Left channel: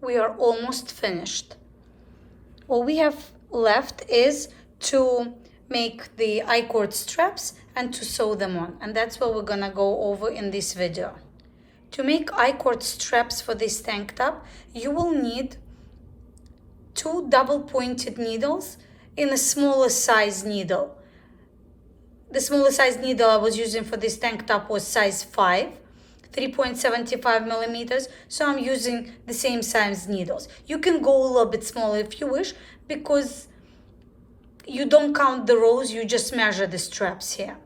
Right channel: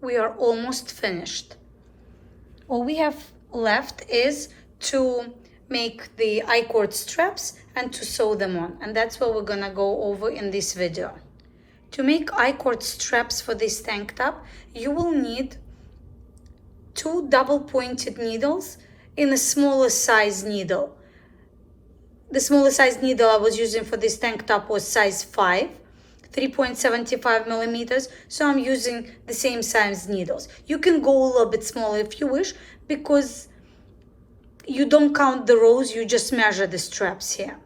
we are almost finished. All we have left is to make the I-cord straps and to sew them on, and that's what we're gonna go over in this video. To make I-cord straps for this tank top, you will need 2 double-pointed needles in a smaller size needle. The smaller size needle I was using for this tank top was size 5, 3.75 millimeters, so I'm using the same size needles. You can go a little bit smaller if you wish, because you don't count the rows, you just measure the straps here.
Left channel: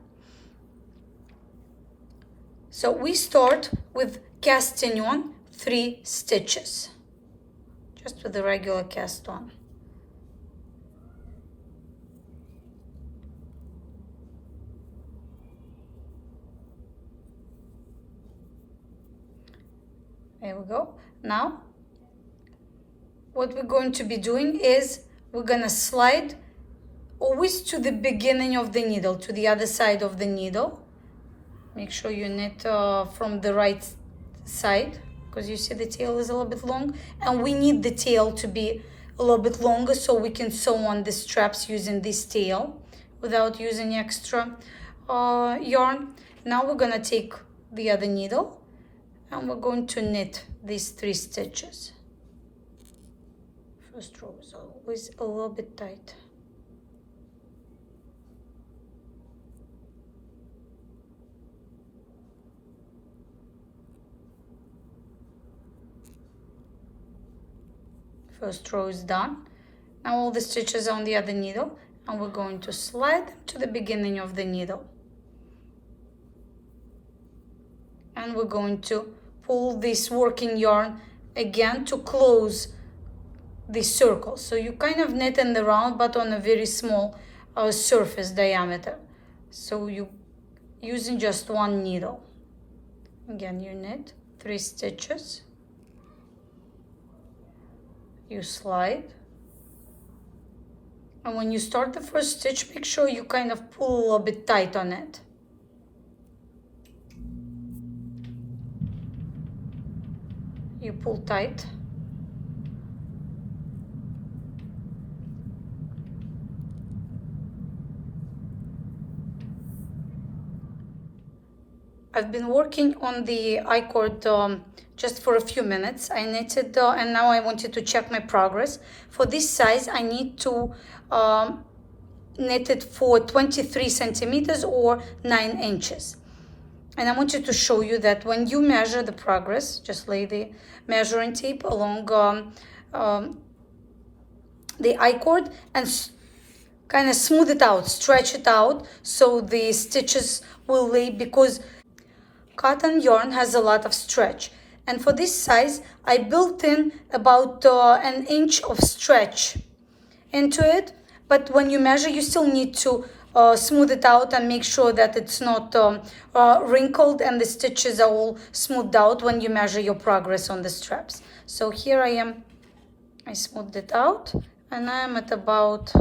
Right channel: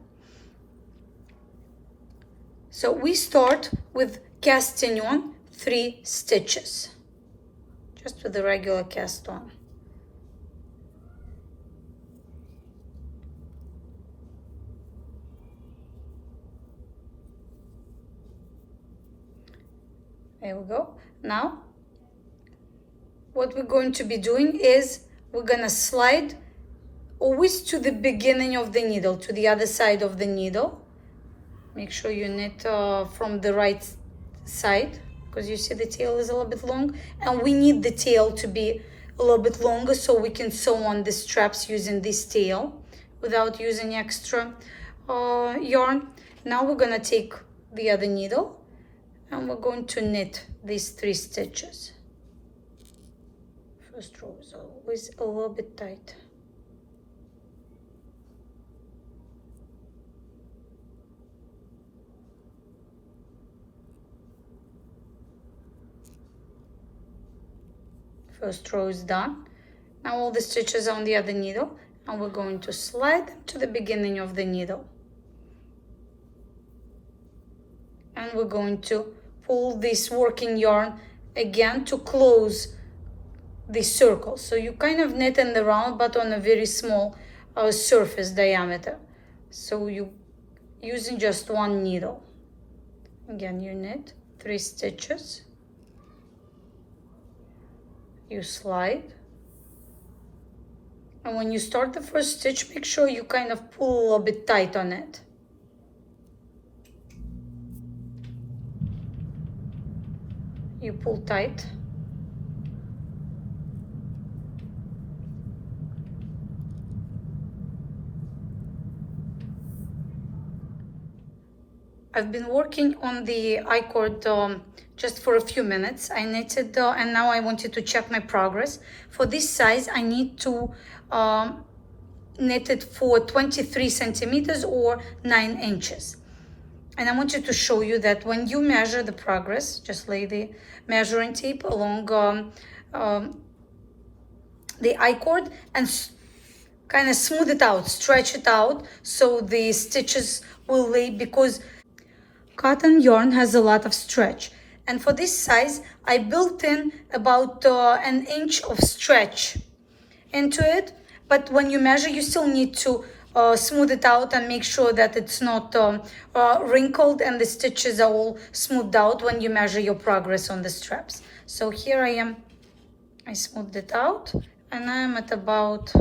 So we start with casting on 3 stitches, just with the regular cast on. There we go. Now, what we're going to be doing is we're gonna slide always to the beginning of the needle, to the other side of the needle. Make sure you knit from the right side, because you see the tail is a little bit long, and we need the tail to be a little bit longer so we can sew on the straps using this tail without using extra yarn. Now we're gonna take the other needle and we're going to knit these 3 stitches. First row is always a little bit tight. First row is done. Now all the stitches are on the other needle, and we're going to slide them to the beginning of the needle. And we're going to pull this working yarn again to close the circle. So you kind of knit in the round, but on a very small surface diameter. So you using just 1 needle. Again, you knit 3 stitches. You slide. And when you start the first stitch, make sure you kind of pull a little bit tight on it. You pull tight. I've been working on the I-cord just for a few minutes. I knitted and now I wanted to check my progress. For this size, I need to knit it for 23 centimeters or 9 inches. And I wanted to show you that when you measure the progress, just lay the measuring tape along the I-cord and kind of smooth it out, stretch it out so the stitches will lay, because cotton yarn has a lot of stretch. And for this size, I built in about 1 inch of stretch into it. But when you measure, you still need to smooth it out and make sure that it's not wrinkled and the stitches are all smoothed out when you measure your progress on the straps. So here I am, I smoothed it out, and I'm at about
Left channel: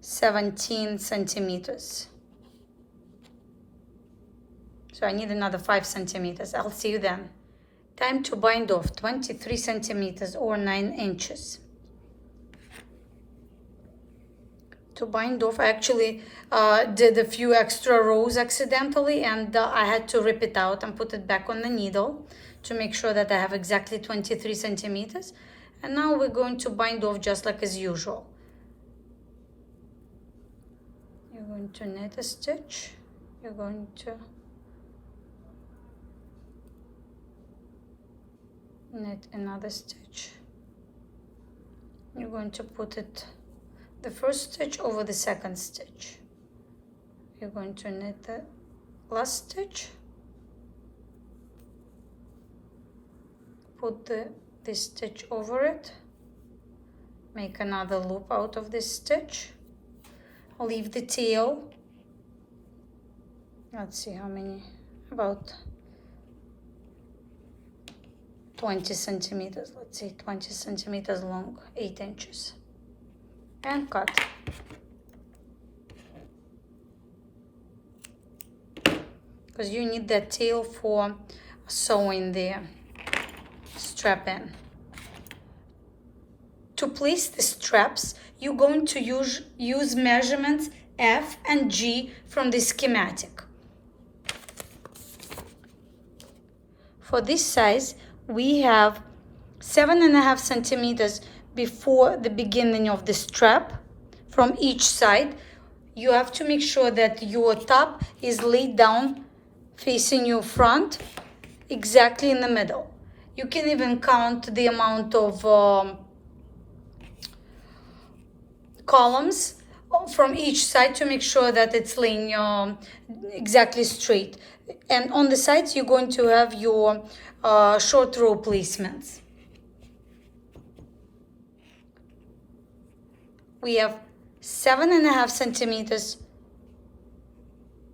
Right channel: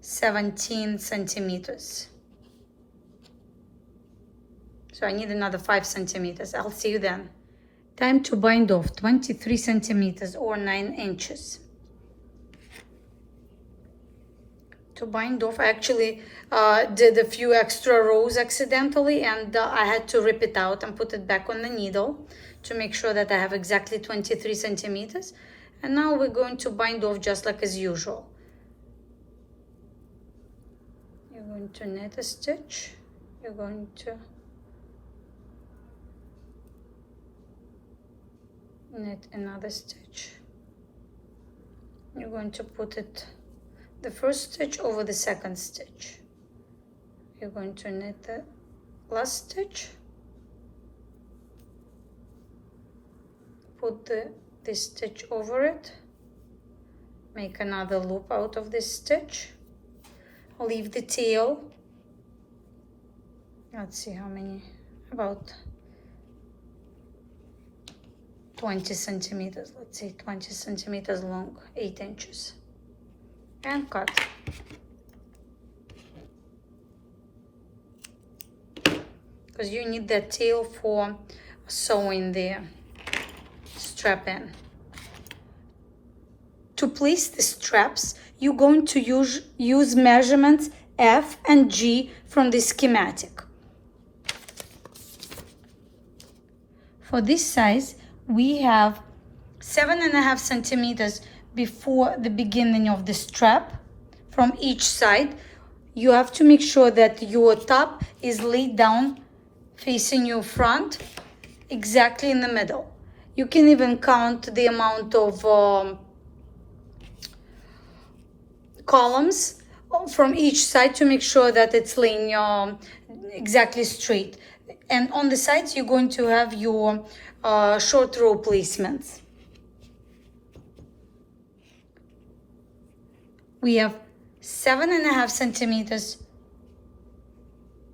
17 centimeters. So I need another 5 centimeters. I'll see you then. Time to bind off 23 centimeters or 9 inches. To bind off, I actually did a few extra rows accidentally, and I had to rip it out and put it back on the needle to make sure that I have exactly 23 centimeters. And now we're going to bind off just like as usual. You're going to knit a stitch. You're going to knit another stitch. You're going to put it the first stitch over the second stitch. You're going to knit the last stitch, put this stitch over it, make another loop out of this stitch, leave the tail, let's see how many, about 20 centimeters, let's say 20 centimeters long, 8 inches. And cut. Because you need that tail for sewing the strap in. To place the straps, you're going to use measurements F and G from the schematic. For this size, we have 7.5 centimeters before the beginning of the strap from each side. You have to make sure that your top is laid down facing your front, exactly in the middle. You can even count the amount of columns from each side to make sure that it's laying exactly straight. And on the sides, you're going to have your short row placements. We have 7.5 centimeters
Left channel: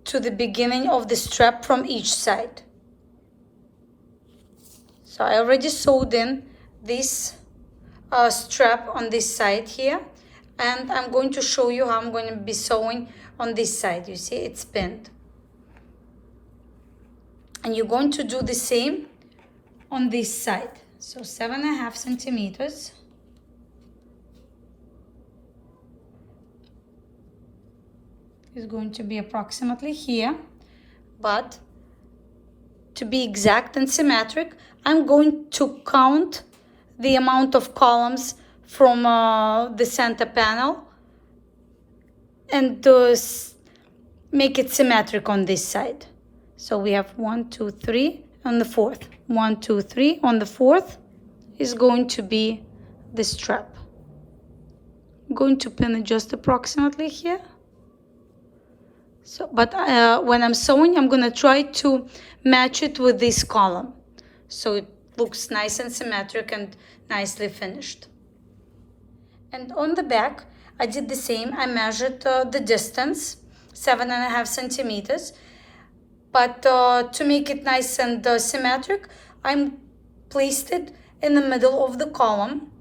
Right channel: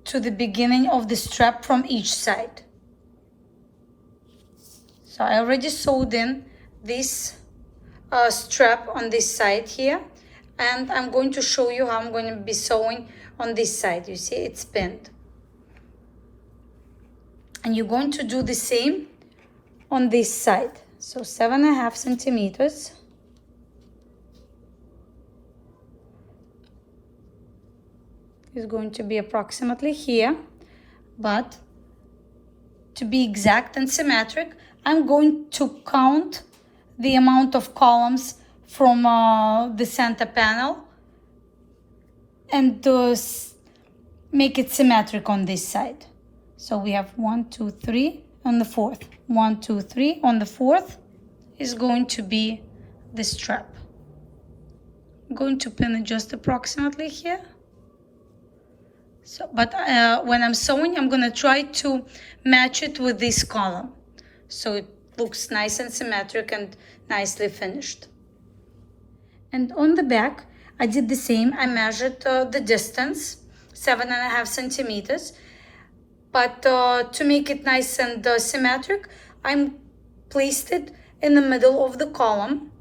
to the beginning of the strap from each side. So I already sewed in this strap on this side here, and I'm going to show you how I'm going to be sewing on this side. You see, it's pinned. And you're going to do the same on this side. So 7.5 centimeters. Is going to be approximately here, but to be exact and symmetric, I'm going to count the amount of columns from the center panel and make it symmetric on this side. So we have 1, 2, 3 on the fourth. 1, 2, 3 on the fourth is going to be the strap. I'm going to pin it just approximately here. So, but when I'm sewing, I'm going to try to match it with this column, so it looks nice and symmetric and nicely finished. And on the back, I did the same. I measured the distance, 7.5 centimeters. But to make it nice and symmetric, I placed it in the middle of the column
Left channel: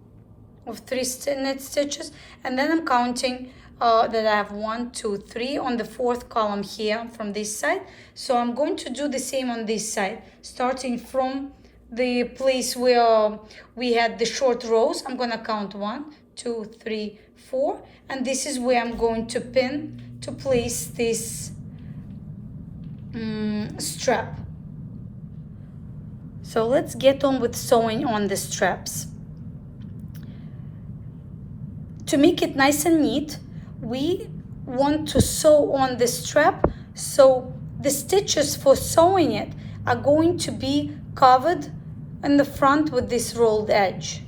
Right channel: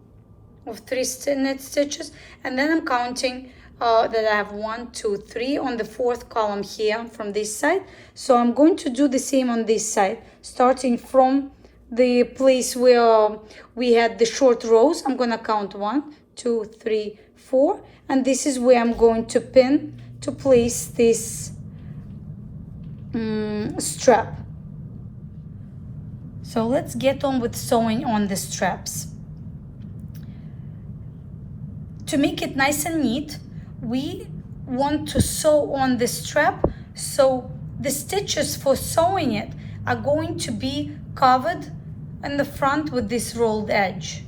of 3 knit stitches, and then I'm counting that I have 1, 2, 3 on the fourth column here from this side. So I'm going to do the same on this side, starting from the place where we had the short rows. I'm going to count 1, 2, 3, 4, and this is where I'm going to pin to place this strap. So let's get on with sewing on the straps. To make it nice and neat, we want to sew on the strap, so the stitches for sewing it are going to be covered in the front with this rolled edge.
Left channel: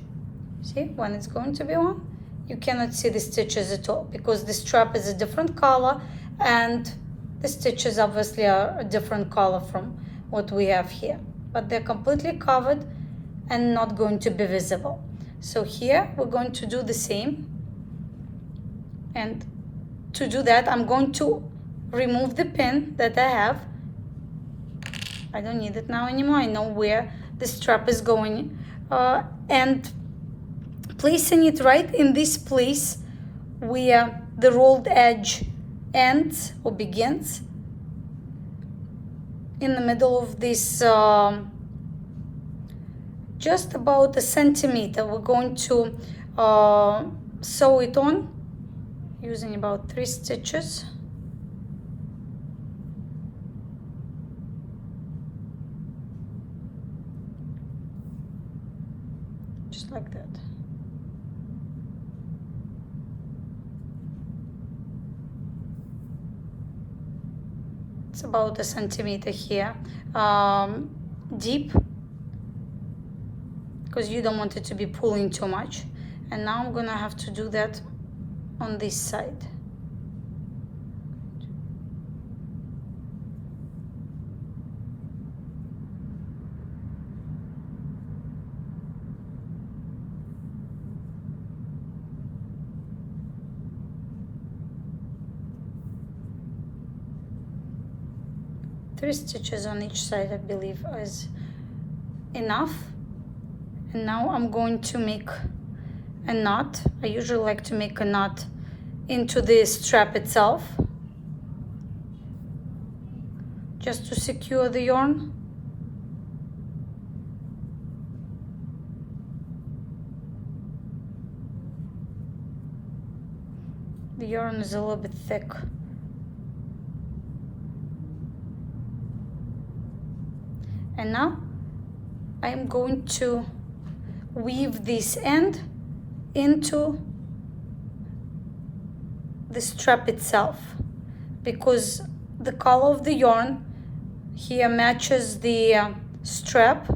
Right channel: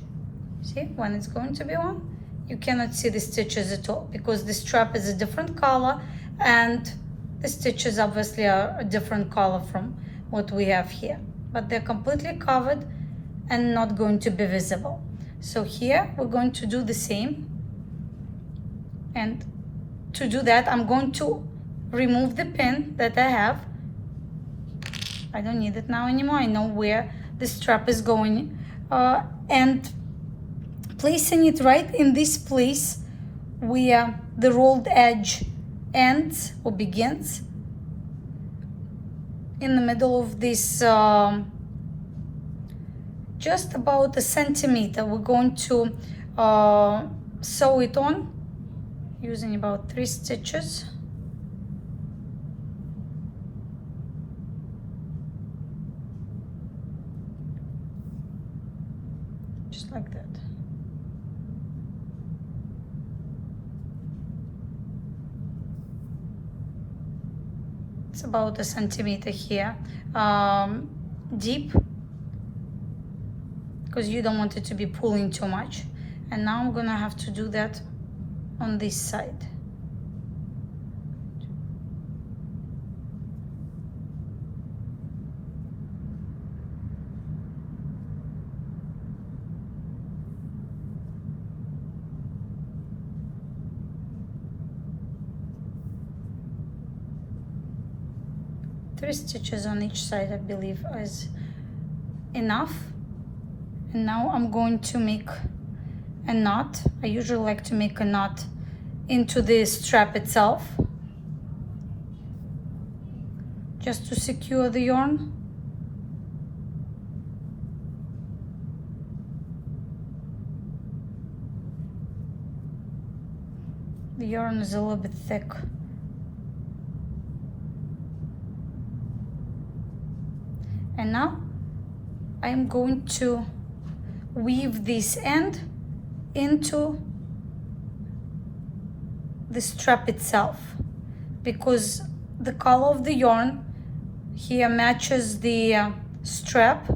See, when it's going to be on, you cannot see the stitches at all because the strap is a different color and the stitches obviously are a different color from what we have here, but they're completely covered and not going to be visible. So here we're going to do the same, and to do that I'm going to remove the pin that I have. I don't need it now anymore. I know where the strap is going, and placing it right in this place where the rolled edge ends or begins, in the middle of this, just about a centimeter. We're going to sew it on using about 3 stitches. Just like that. It's about a centimeter here, deep, because you don't want it to be pulling too much. And now I'm gonna have to do that on this side. Three stitches on each side, I believe, is enough. And now I'm going to make a knot. I usually like to make a knot into the strap itself, just to secure the yarn. The yarn is a little bit thick. And now I'm going to weave this end into the strap itself, because the color of the yarn here matches the strap,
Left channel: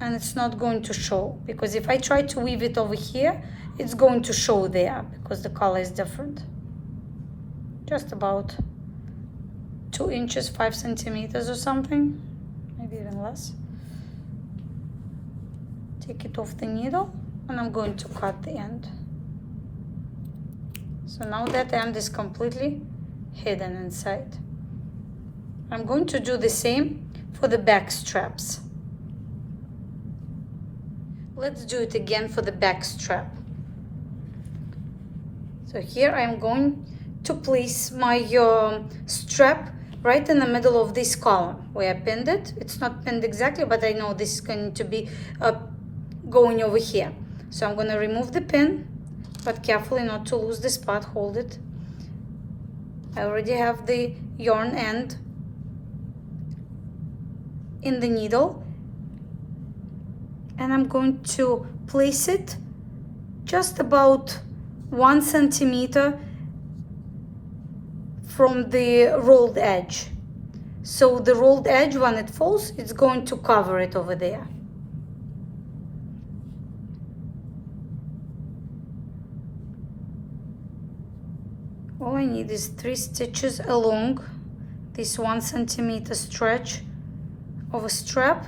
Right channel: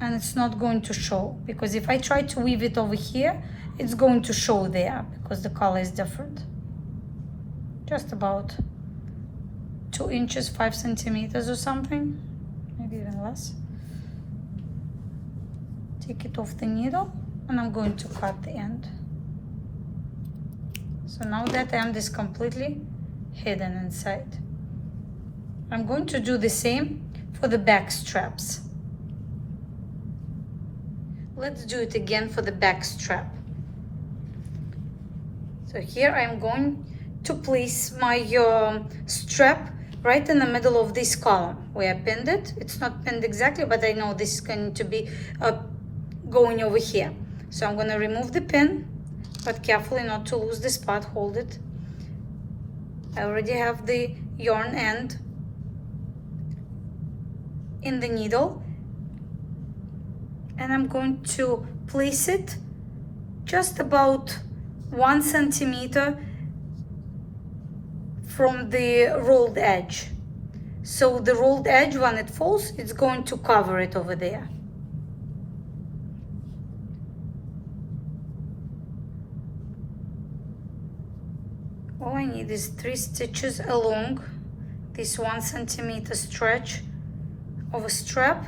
and it's not going to show, because if I try to weave it over here, it's going to show there because the color is different. Just about 2 inches, 5 centimeters or something, maybe even less. Take it off the needle and I'm going to cut the end. So now that end is completely hidden inside. I'm going to do the same for the back straps. Let's do it again for the back strap. So here I'm going to place my strap right in the middle of this column where I pinned it. It's not pinned exactly, but I know this is going to be going over here. So I'm going to remove the pin, but carefully not to lose the spot. Hold it. I already have the yarn end in the needle, and I'm going to place it just about 1 centimeter from the rolled edge. So the rolled edge, when it falls, it's going to cover it over there. All I need is 3 stitches along this 1 centimeter stretch of a strap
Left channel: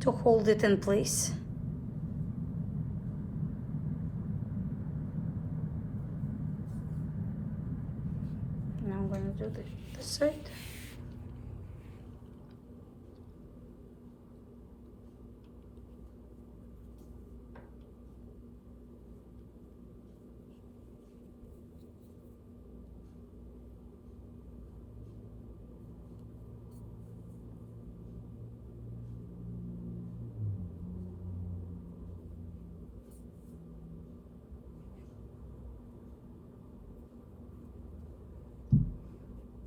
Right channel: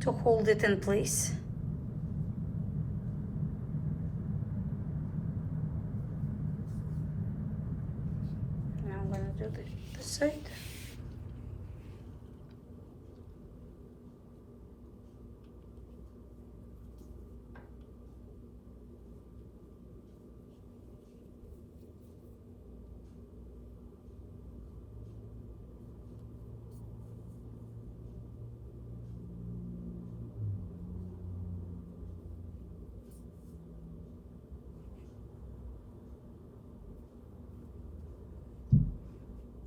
to hold it in place. Now I'm going to do the side.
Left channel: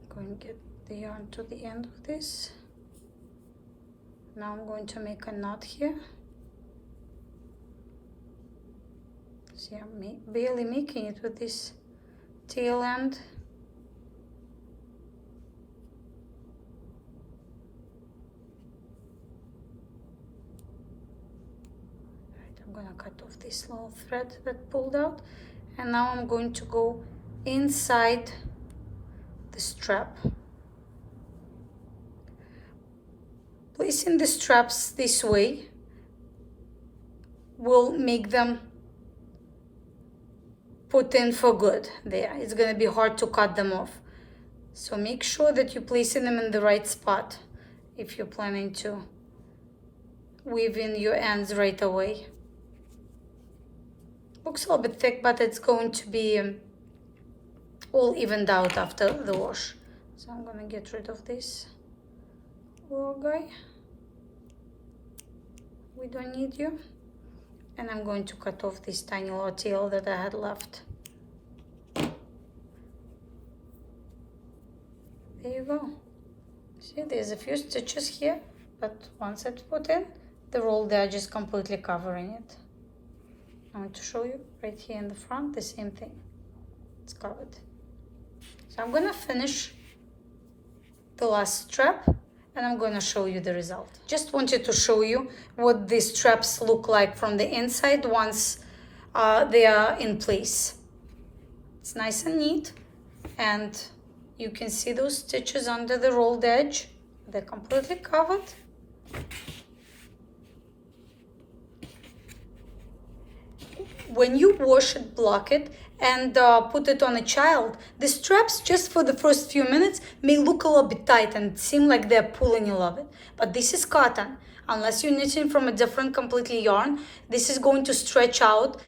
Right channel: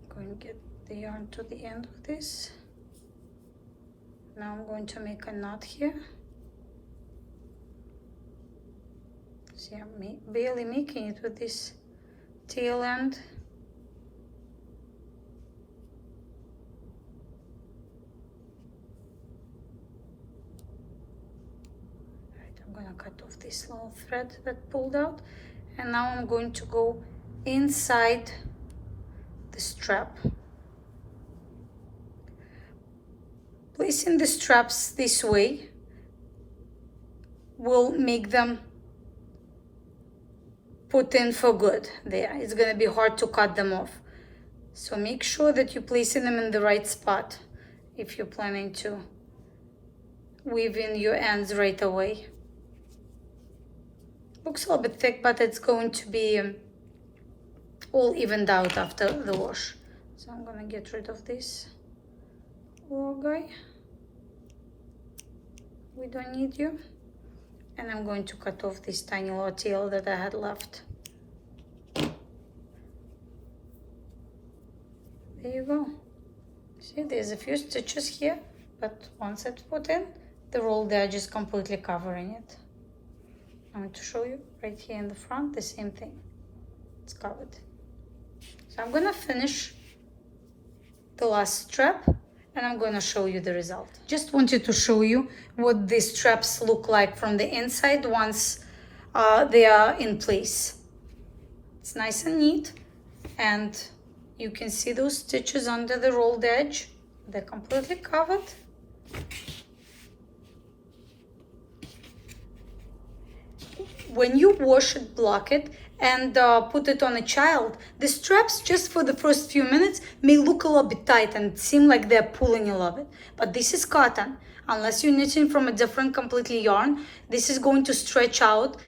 Going to get the yarn to the end of this. Now I'm going to make a knot here. See, I'm barely making it with this tail end. Right, I'm going to cut off this little thread that pulled out, and now I'm going to go inside the strap. Placing the straps this way will make them put in for good there. It's going to be hard to cut them off. So make sure that you're placing them in the right spot if you're planning to weave in your ends right away. Looks a little bit thick, but it's going to be all evened out after the wash. So I'm gonna get rid of this little guy. We don't need you. And I'm going to cut off this tiny little tail that I had left. There you go. See, there's a few stitches here, but once it's put in, the rolled edge is completely covering it. I'm going to show you right here in the front, the same thing. It's covered. So I'm gonna finish the last strap and I'm gonna show you the result. Just wanted to show you what the straps look like from the inside once they are in place. It's nice and neat, and you can see those stitches under the rolled edge. They're completely covered. When you wash it, block it, and put it on a child, the straps just for the first few minutes may look a little bit tight and seem like they're pulling a little bit. But this is cotton. Unless you're knitting from a different completely yarn, this is going to stretch out